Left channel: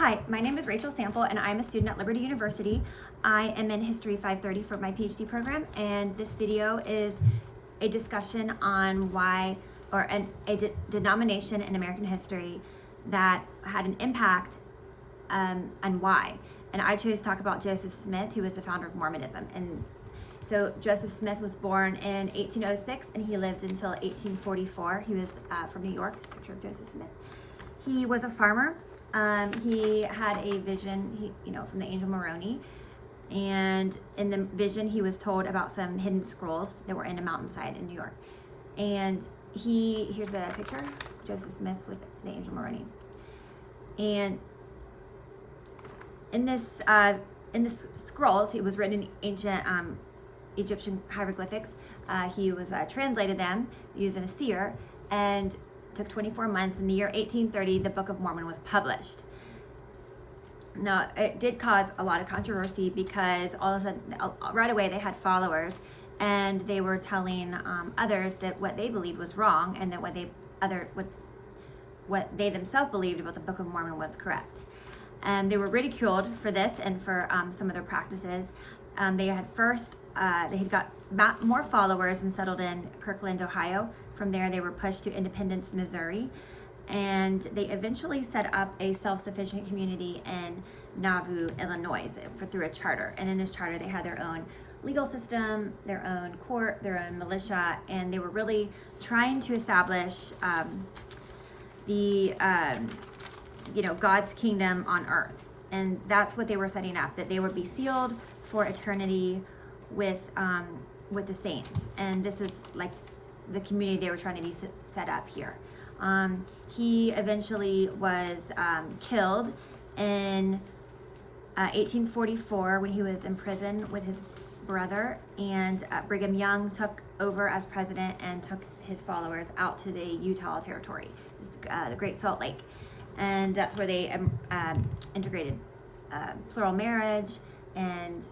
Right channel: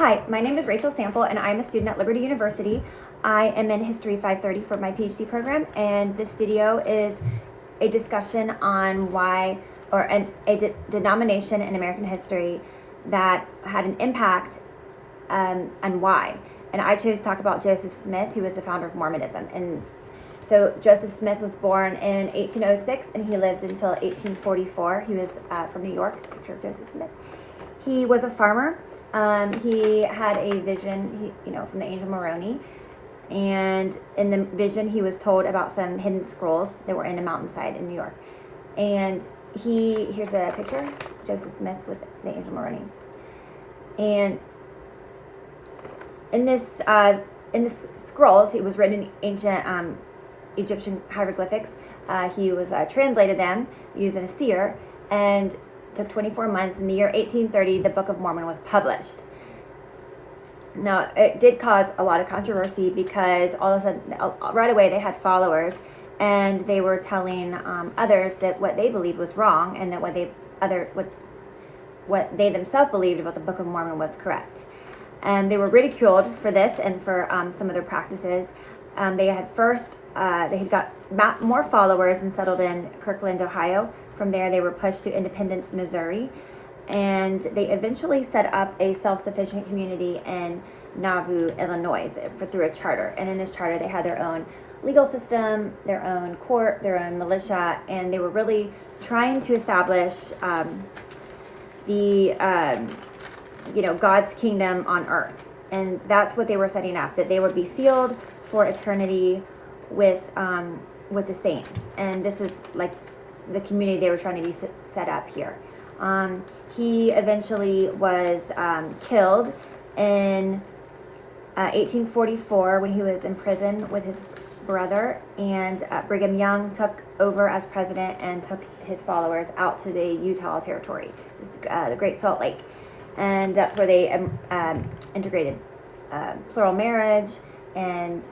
Hi, my name is Rachel Sample, and I'm a student at Liberty University. I am in History 530 for my PhD program, and this video is a discussion on why, or a denomination in American history that had an impact and why. And I chose to talk about Joseph Smith, who was the founder of Mormonism. And so Joseph Smith was born in 1806, and he lived until 1844. He was from New York. Picture of Joseph Smith. He was a farmer. He had a vision, from the angel Moroni, and in the vision he was told about some hidden scrolls that were in a mountainside in New York. And here's a picture of Joseph Smith with the angel Moroni. And in this scrolls, it was written in ancient Egyptian hieroglyphics. He was translated them using a seer, and took 24 months. In the year 1830, the Book of Mormon was published. Now, it did cause a lot of controversy because all of a sudden, right away, they had followers, and they were telling others that what they believed was wrong, and that what they themselves believed about the Book of Mormon was correct. And they were ridiculed for this and for some of their practices. They had got more followers and settled in Kirkland, Ohio. From there, they were pushed to Independence, Missouri, and they eventually set up a self-sufficient community in Nauvoo, Illinois, through a charter. And in this charter, they had their own legal system, their own court, their own militia, and they were really trying to establish God's kingdom on earth. And that's what they were setting up, that they would be sealed for eternity with the saints. And this is like the community they were trying to be set up here. He eventually was killed in 1844 when he was in prison with his brother, and Brigham Young took over as president and took his followers out to the Utah territory, the Great Salt Lake. And that's where they integrated plural marriage, and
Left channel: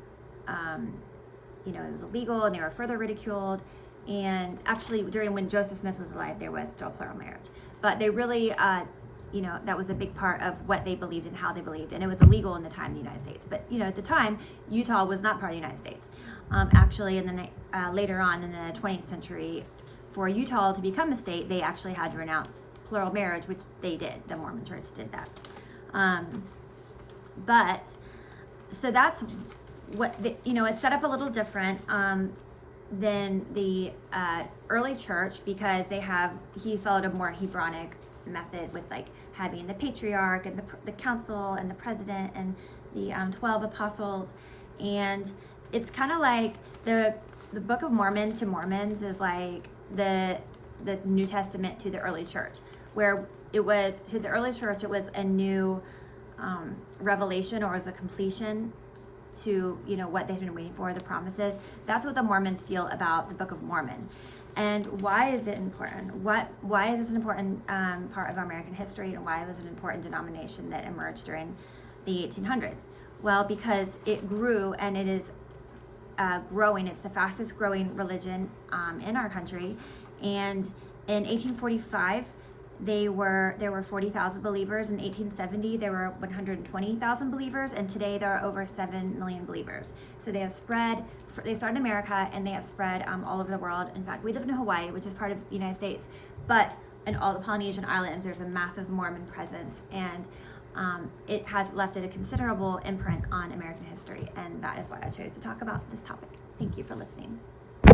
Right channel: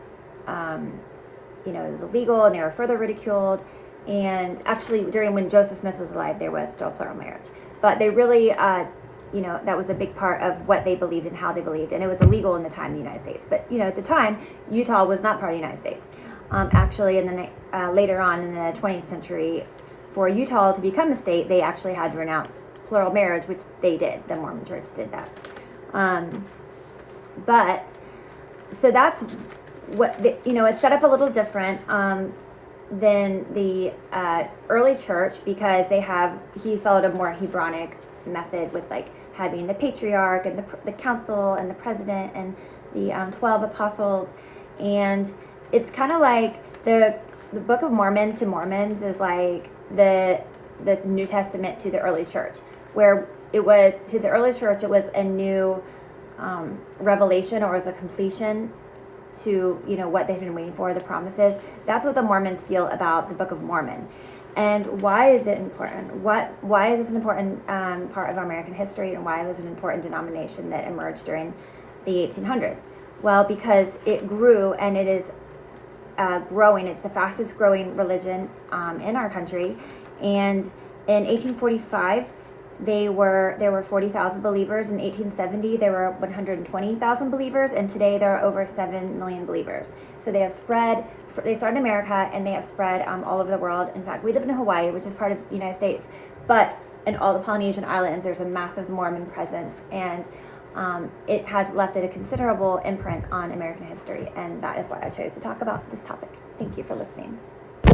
it was illegal, and they were further ridiculed. And actually, when Joseph Smith was alive, there was still plural marriage. But they really, that was a big part of what they believed and how they believed. And it was illegal in the time in the United States. But, at the time, Utah was not part of the United States. Actually, later on in the 20th century, for Utah to become a state, they actually had to renounce plural marriage, which they did. The Mormon Church did that. So that's what, it's set up a little different than the early church, because he followed a more Hebronic method with having the patriarch and the council and the president and the 12 apostles. And it's kind of like the Book of Mormon to Mormons is like the New Testament to the early church, where it was to the early church, it was a new revelation, or was a completion to what they've been waiting for, the promises. That's what the Mormons feel about the Book of Mormon. And why is it important? Why is this an important part of American history, and why was it an important denomination that emerged during the 1800s? Well, because it grew, and it is growing. It's the fastest growing religion in our country. And in 1845, there were 40,000 believers. In 1870, there were 120,000 believers, and today there are over 7 million believers. So they have spread. They started in America, and they have spread all over the world. In fact, we live in Hawaii, which is part of the United States, but in all the Polynesian islands, there's a massive Mormon presence, and it has left a considerable imprint on American history, and that is why I chose to talk about this topic. Thank you for listening.